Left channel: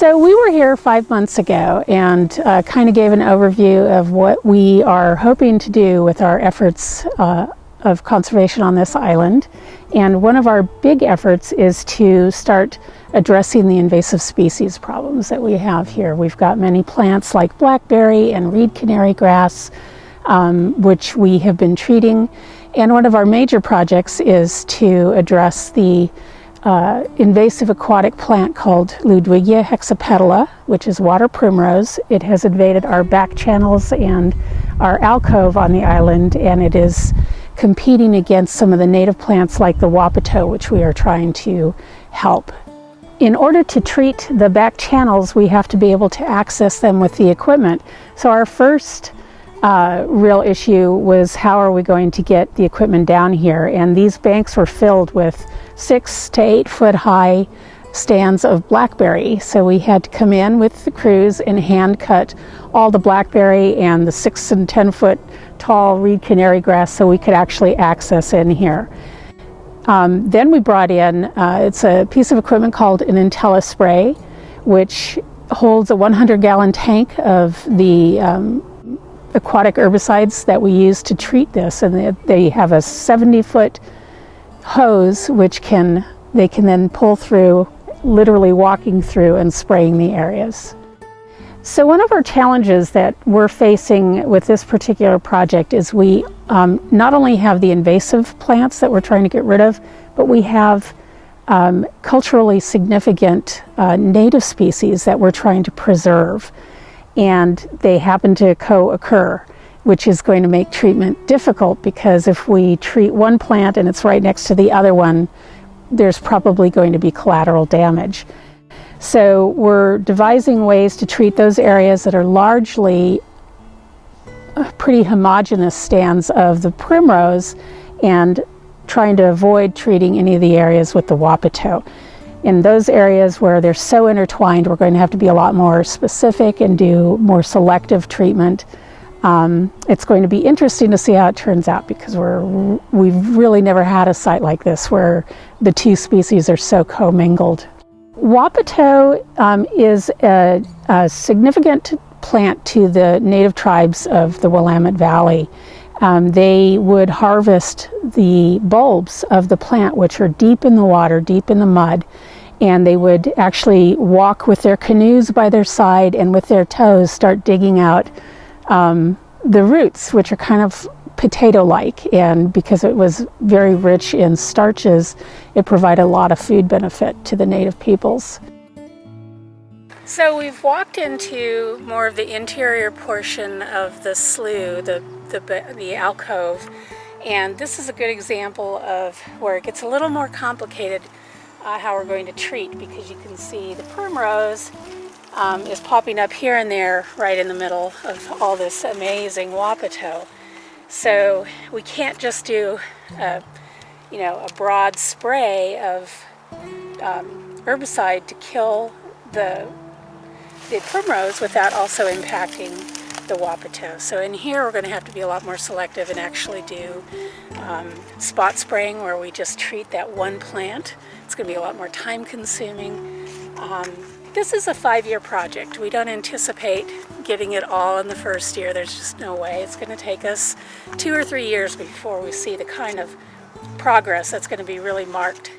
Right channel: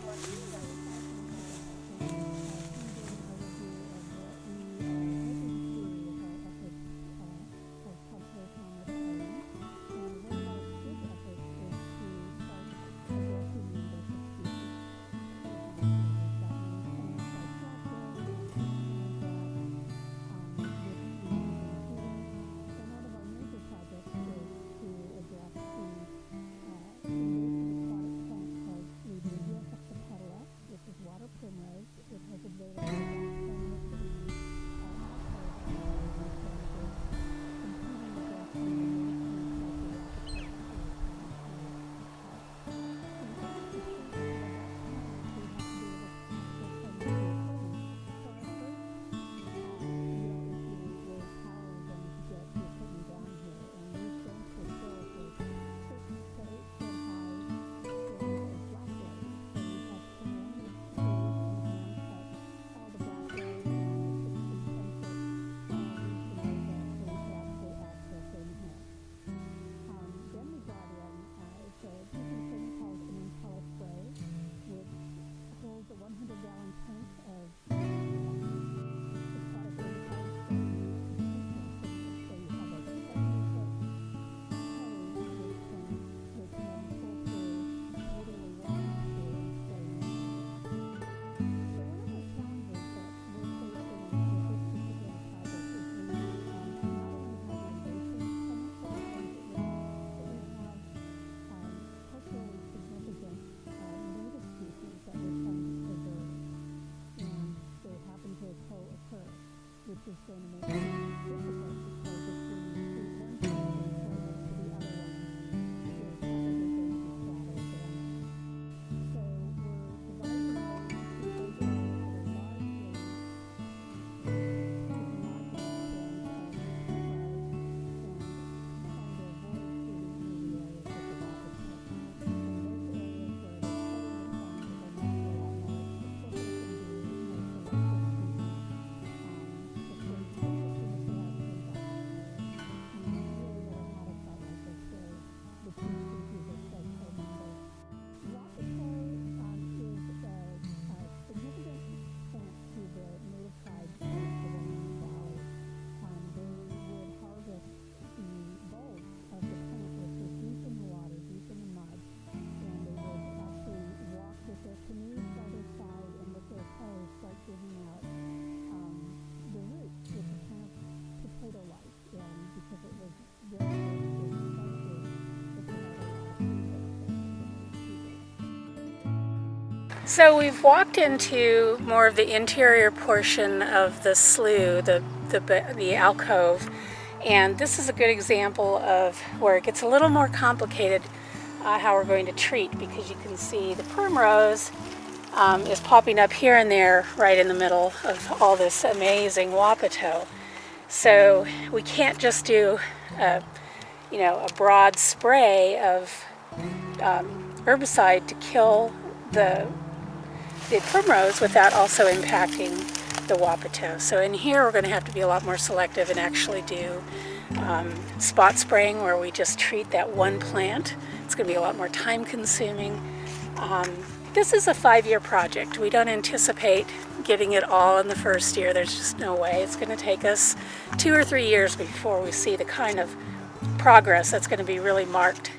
So we were here 5 months ago and kind of gave an overview of what we are hoping to do with our efforts of conservation on this island. And one of our big efforts is to start addressing the invasive species problems that we have here. We've got many plants like blackberry and reed canary grass, which we have been treating. And one of our major projects is to address the invasive aquatic plant called Ludwigia hexapetala, which is water primrose. It has invaded our back channels and our alcove on the island, and it is competing against some of the native plants like the wapato, which we are trying to help. In order to treat the back channels, we have to be able to access them with the equipment. So our first real issue was how are we going to get the equipment down here, and these banks were filled with 6 to 8 foot high stands of blackberry. So we had to come in with the crews and hand cut all the blackberry and the 6 and 10 foot tall reed canary grass so we could actually access in here. Then we brought in, it's a piece of equipment called an Intella spray, which holds a 100-gallon tank of the aquatic herbicides that we use to treat this, and they have a 70-foot hose which they can then pull through, literally walking through and spraying the areas. So one of our challenges that we're facing with this particular project is we not only have the invasive plants that we're trying to get rid of, but we have culturally significant native species that we're trying to preserve, and they happen to co-occur, which is going to make treatment difficult, because if we treat one plant and it's right next to the other one, there's probably going to be collateral damage. So we're devising ways to treat those areas that are largely pretty homogeneous stands of the primrose, and trying to avoid treating any of the areas with the wapato. In those areas where they're so intertwined, we're going to have to be a lot more specific and do more selective treatment. It's going to be interesting to see how it turns out, because we've really never had a site like this where the two species are so commingled. Wapato is a significant plant to the native tribes of the Willamette Valley. They would harvest the bulbs of the plant, which are deep in the water, deep in the mud, and they would actually walk with their canoes by their side and with their toes start digging out the roots, which are kind of potato-like, and because it was very rich in starches, it provided a lot of food benefit to the native peoples. So we've walked into more of the interior portion of the slough, the alcove, and this is a good example of where it gets a little more complicated how we're going to treat, because you can see the primrose is popping up here and there right in the middle of all this amazing wapato. So we can't just do a broad spray of herbicide to kill the primrose without also impacting the wapato. So in here we're going to have to be a lot more selective and actually do spot spraying, where we just treat that one plant. It's going to be a lot more time consuming. This is a 5-year project. We don't anticipate getting it all in the first year. There's just no way. It's going to take us 2 or 3 years before we see the kind of progress that's going to be really marked.